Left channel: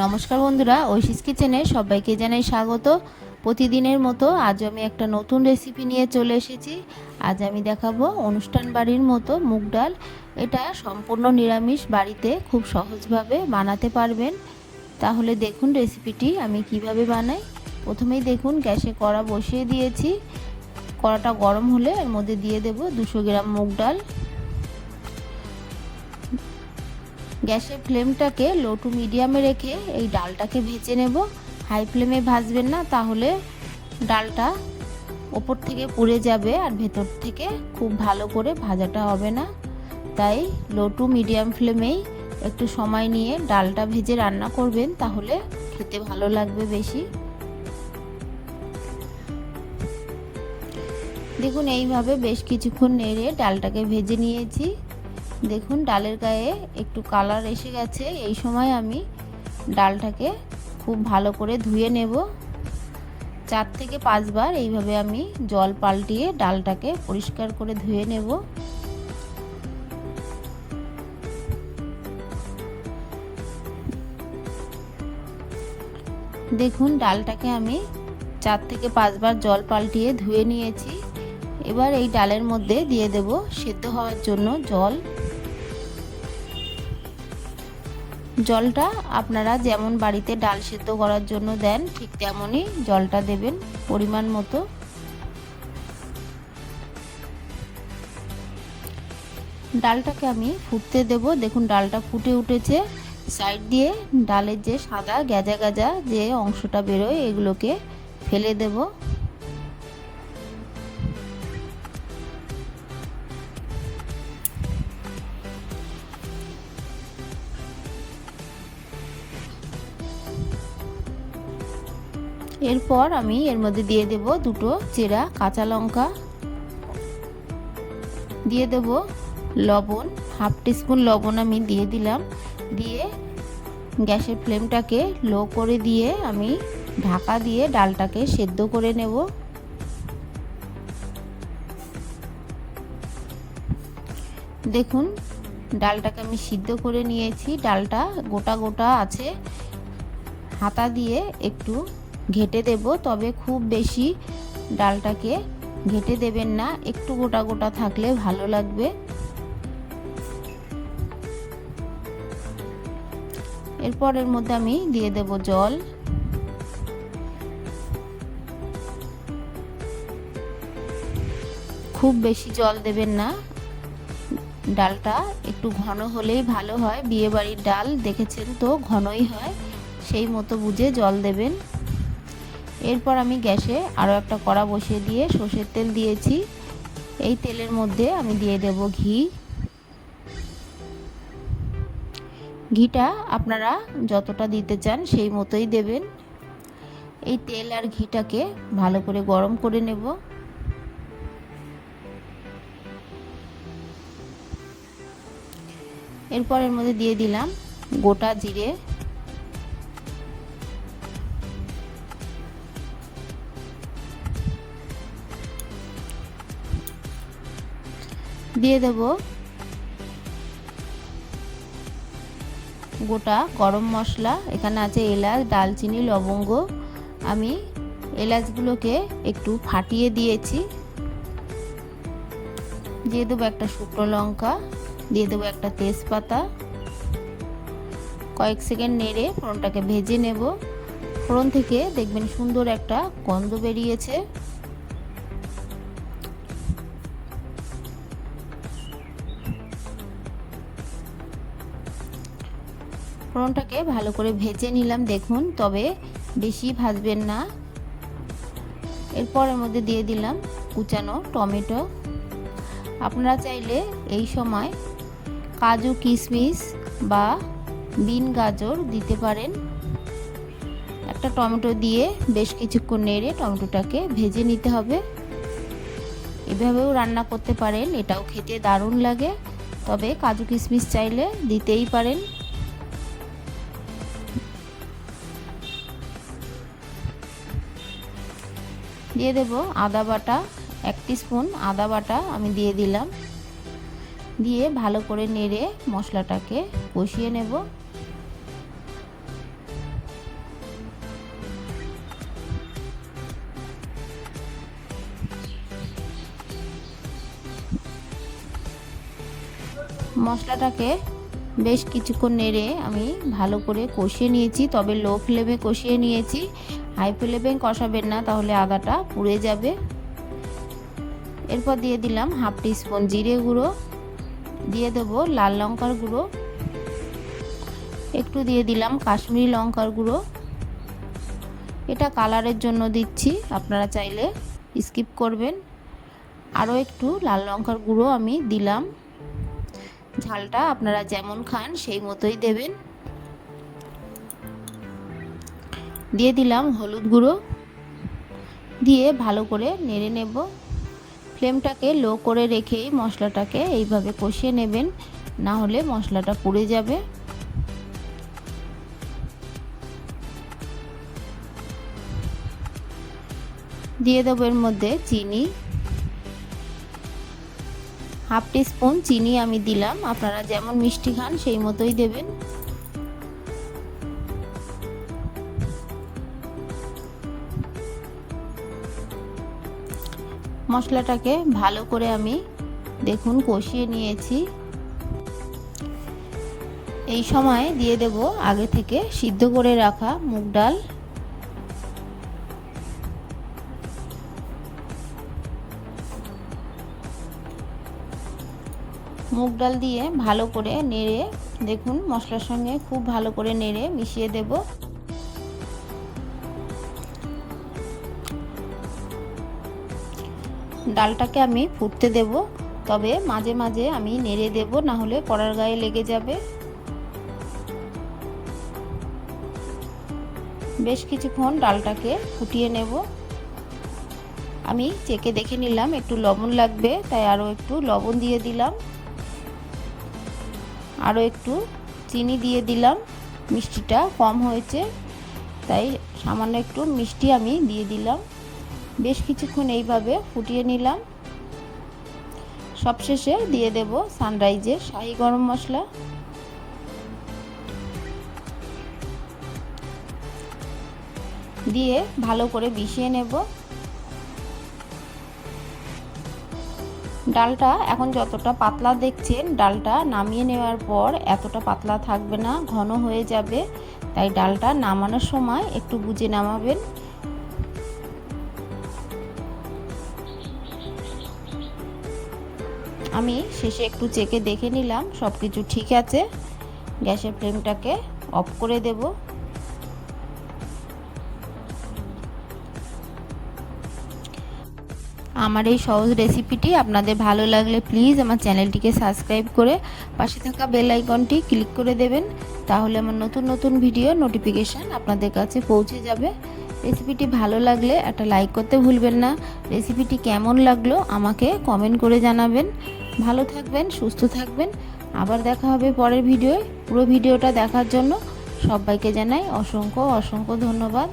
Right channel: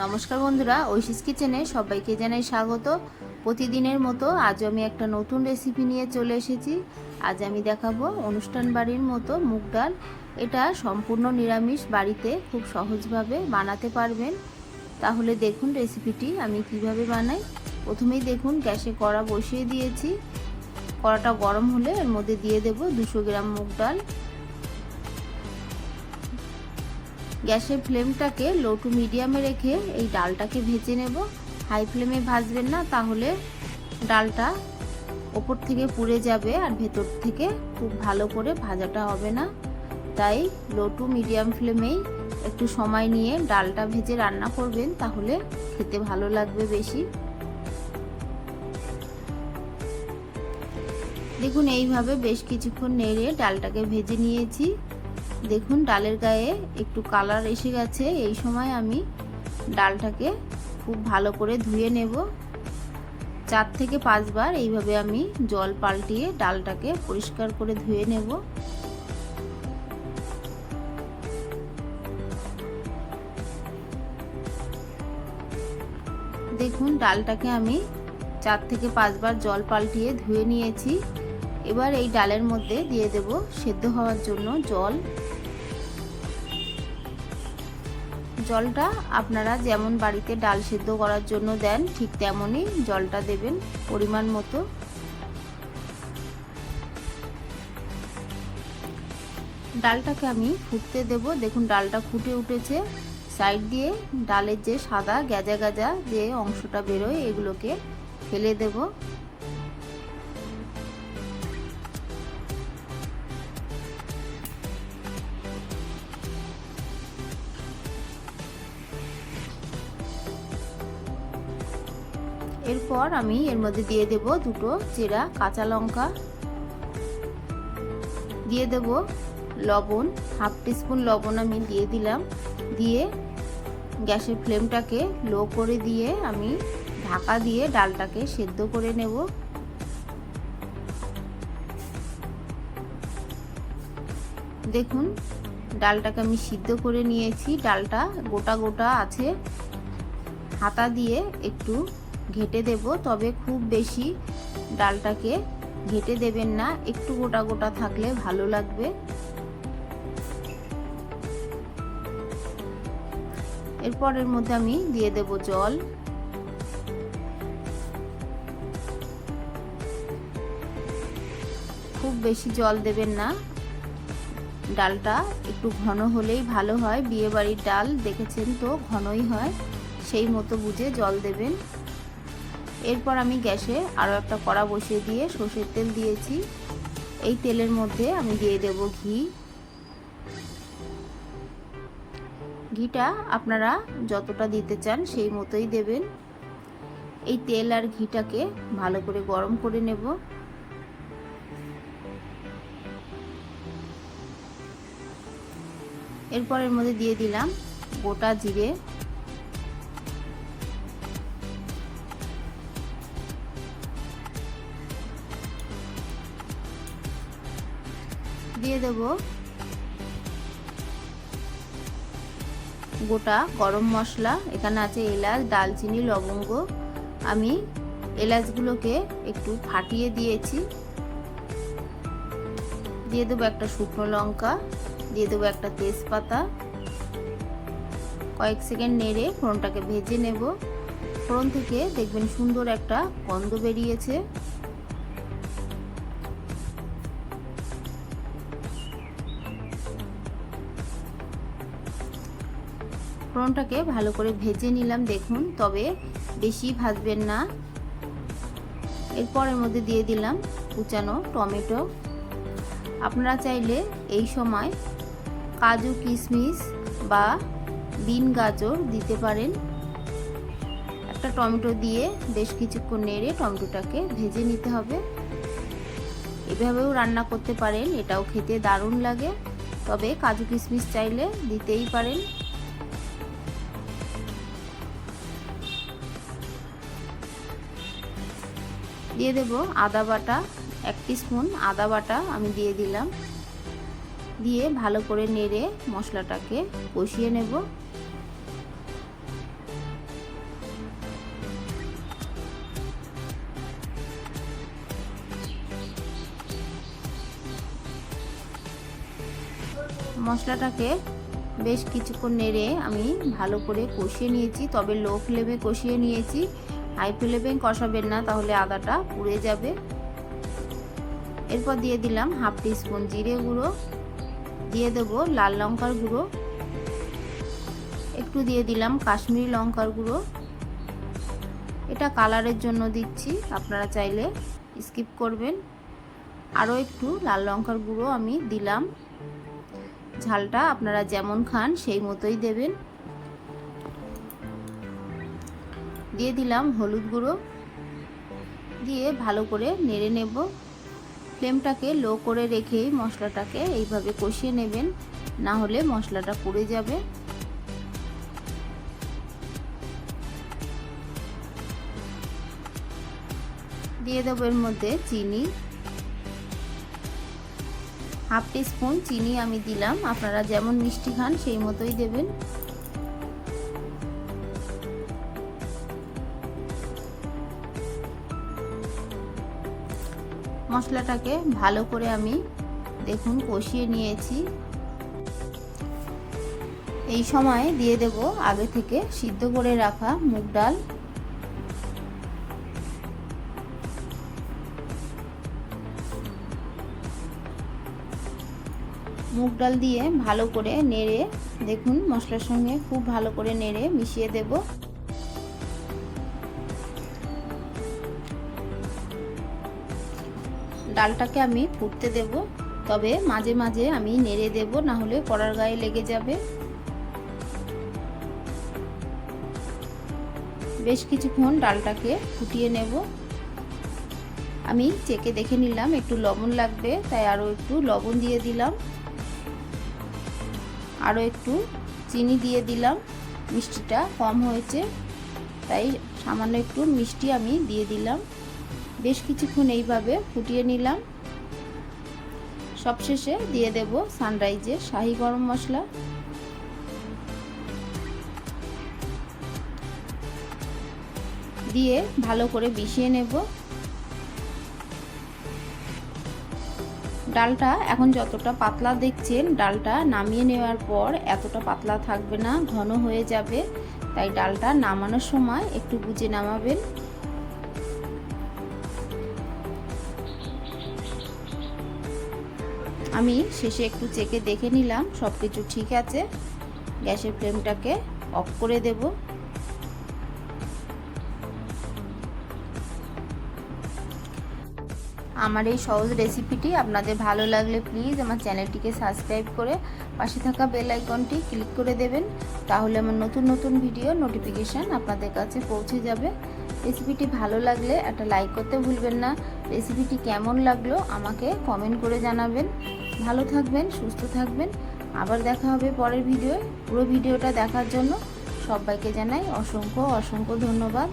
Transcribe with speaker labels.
Speaker 1: নমস্কার বন্ধুরা, ঐশিস কিচেনে সবাইকে জানাই স্বাগত। প্রতিদিনের মতো আজ আমি একটা নতুন রেসিপি নিয়ে চলে এসেছি। আজ আমি দেখাবো অনুষ্ঠান বাড়ির মতো মুগ ডাল। এটা সম্পূর্ণ নিরামিষ বাড়িতে খুব সহজভাবে বানাতে পারবেন। তাহলে দেখুন রেসিপিটি আমি কীভাবে বানাই। প্রথমেই দেখুন গ্যাসে কড়া বসিয়ে দিয়েছি। কড়াটা গরম হলে এর মধ্যে দিয়ে দেব দুশো গ্রাম মুগ ডাল। গ্যাসের ফ্লেমটাকে লো টু মিডিয়ামে রেখে এই ডালটাকে ভেজে নেব। হাই ফ্লেমে ভাজবেন না, তাহলে ডালটা ওপর থেকে পুড়ে যাবে আর ভেতর থেকে খুব ভালো করে ভাজাটা হবে না। তাই লো টু মিডিয়াম ফ্লেমেই একটু সময় নিয়ে ডালটা ভেজে রান্না করবেন, তাহলে খেতে ভালো লাগবে বেশি। দেখুন, এইভাবে বেশ কিছুক্ষণ নেড়ে ডালটাকে ভেজে নিয়েছি। দেখুন, ডালের গায়ে একটু কালার এসে গেছে। এই সময় আমি ডালটাকে খুব ভালো করে ধুয়ে নেব। চার থেকে পাঁচবার এইভাবে আমি জল পাল্টিয়ে ডালটাকে পরিষ্কার করে ধুয়ে নেব। দেখুন, ডালটাকে আমি চার থেকে পাঁচবার জল পাল্টিয়ে ধুয়ে নিয়েছি। এবার এই ডালের মধ্যে দিয়ে দেব সেদ্ধ হওয়ার জন্য জল। জলটা আপনারা যেমন বাড়িতে ডাল সেদ্ধ করার জন্য দেন, ঠিক তেমনই জলটা দেবেন পরিমাণ মতো। ডালটাকে আমি ফুটতে দেব। দেখুন, ডালটা ফুটে উঠেছে। সাইড দিয়ে ডালের যে সাদা গ্যাজা গাজা যে অংশটা বেরোয়, এগুলোকে ফেলে দেবো। এরপর আমি এর মধ্যে দিয়ে দেব দুটো চেরা কাঁচা লঙ্কা। দিয়ে দেব লবণ, হাফ টিস্পুন লবণ আমি দিয়ে দিলাম। দিয়ে গ্যাসের ফ্লেমটাকে লো করে দিয়ে আমি ঢাকা দিয়ে ডালটাকে সেদ্ধ করে নেব। দেখুন, ডালটাকে আমি সিদ্ধ করে নিয়েছি। ডালটা গোটা গোটা আছে। হাতা দিয়ে একটু ঘেটে দেব, তবে খুব বেশি ডালটাকে ঘেটে দেবেন না। একটু গোটা গোটা থাকলে ভালো লাগবে। এরপর এর মধ্যে আমি দিয়ে দেব জল। খুব বেশি জল দেবেন না। ডালটা একটু ঘন হলেই ভালো হয়। বিয়ে বাড়ির ডাল দেখেছেন তো, ঘনই হয়। সেই মতো বুঝে জল দেবেন। এরপর আমি গ্যাসে আরও একটা কড়া বসিয়ে দিয়ে সর্ষের তেল দিয়েছি। এই তেলের মধ্যে আমি দিয়ে দেব ঘি। ঘিটা আপনারা যতটা দিতে চান সেই মতোই দেবেন। এই তেল আর ঘিটাকে ভালো করে গরম করে নেব। এরপর এর মধ্যে দিয়ে দিলাম গোটা জিরে দিয়ে দেব গোটা গরম মশলা। এখানে আছে এলাচ, ডালচিনি, লবঙ্গ। আমি এলাচগুলোকে একটু ফাটিয়ে দিয়েছি। দিয়ে দেবো একটা শুকনো লঙ্কা, দিয়ে দেবো একটা তেজপাতা। কয়েক সেকেন্ড নেড়ে ফোড়নটাকে ভেজে নেব। ফোড়ন থেকে দেখবেন সুন্দর একটা গন্ধ বেরিয়েছে। ফোড়নটাকে ভালো করে ভেজে নিলাম, দেখুন, তবে বেশি ভাজবেন না। এরপর এর মধ্যে দিয়ে দিলাম কুচানো টমেটো। আপনারা চাইলে এই সময় কাজু কিশমিশ বা বিন গাজর দিতে পারেন। একটা টমেটো দিয়ে বেশ কিছুক্ষণ নেড়ে টমেটোটাকে ভেজে নিতে হবে। এভাবেও রান্না করতে পারেন, এটাও খেতে দারুণ লাগে। তবে কাজু কিশমিশ চাইলে দিতেই পারেন। দিয়ে দেব আদা বাটা, এক স্পুন আদা বাটা আমি দিয়ে দিলাম। দিয়ে ভালো করে নেড়ে মশলাটাকে কষিয়ে নেব। মশলাটাকে বেশ কিছুক্ষণ নেড়ে আমি ভালো করে কষিয়ে নিয়েছি, তবে লো ফ্লেমে কষিয়ে নিয়েছি। হাই ফ্লেমে কষাবেন না, তাহলে আদাটা পুড়ে যাবে। এরপর দিয়ে দিলাম হাফ টিস্পুন জিরে গুঁড়ো, দিয়ে দেব লাল লঙ্কার গুঁড়ো। একটু দিয়ে দিলাম কাশ্মীরি লঙ্কার গুঁড়ো। এটা কালারের জন্য দিচ্ছি, আপনারা চাইলে স্কিপ করবেন। আরও একটু লাল লঙ্কার গুঁড়ো আমি দিলাম। ঝালটা আপনারা যেমন খান সেই মতোই দেবেন। দিয়ে দিলাম হলুদ গুঁড়ো। দিয়ে ভালো করে নেড়ে নেব। ফ্লেমটাকে লো করে রেখেই মশলাটাকে এইভাবে কষিয়ে নেবেন, না হলে মশলাটা পুড়ে যাবে। দিয়ে দেবো এর মধ্যে চিনি। হাফ স্পুন চিনি আমি দিলাম। আপনারা যেমন মিষ্টি খান সেই মতোই দেবেন। মশলাটাকে ভালো করে আমি দেখুন কষিয়ে নিয়েছি। এই সময় দিয়ে দেব আগে থেকে সিদ্ধ করে রাখা মুগ ডাল। মুগ ডাল দিয়ে ভালো করে নেড়ে দেখুন মশলার সঙ্গে খুব ভালো করে নেড়ে মিশিয়ে দেব। ডালটাকে আমি ফুটতে দেব, তবে মাঝে মাঝে আমি নেড়ে দেব না হলে কড়ার গায়ে লেগে যাবে। বেশ কিছুক্ষণ ডালটাকে ফুটিয়ে নেব। আমি চেকে দেখে নিলাম, একটু লবণ লাগবে, তাই আরও একটু লবণ দিয়ে দিলাম। আরও একটু চিনি দিয়ে দিলাম, মিষ্টিটা কম হয়েছে, তাই সামান্য একটু মিষ্টি আমি দিয়ে দিলাম। বেশ কিছুক্ষণ এইভাবে ফুটিয়ে নিলাম। সবশেষে দিয়ে দেব সানরাইজের শাহি গরম মশলা। দিয়ে ভালো করে মিশিয়ে নেব। ডালটা এখন যতটা পাতলা দেখছেন, ডালটা নামিয়ে নেওয়ার পর এতটা পাতলা থাকবে না, ঘন হয়ে যাবে। তাই ডালটা নামানোর সময় একটু বুঝে নামাবেন। আমি শেষে একটু চেকে দেখে নিলাম সব কিছু ঠিক আছে। গ্যাসের ফ্লেমটাকে অফ করে দেবো। আমার এই সহজ রেসিপিটি আপনাদের ভালো লাগলে প্লিজ আমার চ্যানেলটিকে সাবস্ক্রাইব করে পাশে থাকা বেল আইকনটি ক্লিক করে দেবেন, তাহলে আমার নতুন নতুন ভিডিও নোটিফিকেশান আপনাদের কাছে পৌঁছে যাবে। রেসিপিটি ভালো লাগলে একটা লাইক করতে ভুলবেন না। রেসিপিটি কেমন লাগল আমাকে কমেন্ট করে জানাবেন। ভালো থাকবেন, সুস্থ থাকবেন। আবার দেখা হবে পরের ভিডিওয়। পুরো ভিডিওটা দেখার জন্য সবাইকে জানাই অসংখ্য অসংখ্য ধন্যবাদ।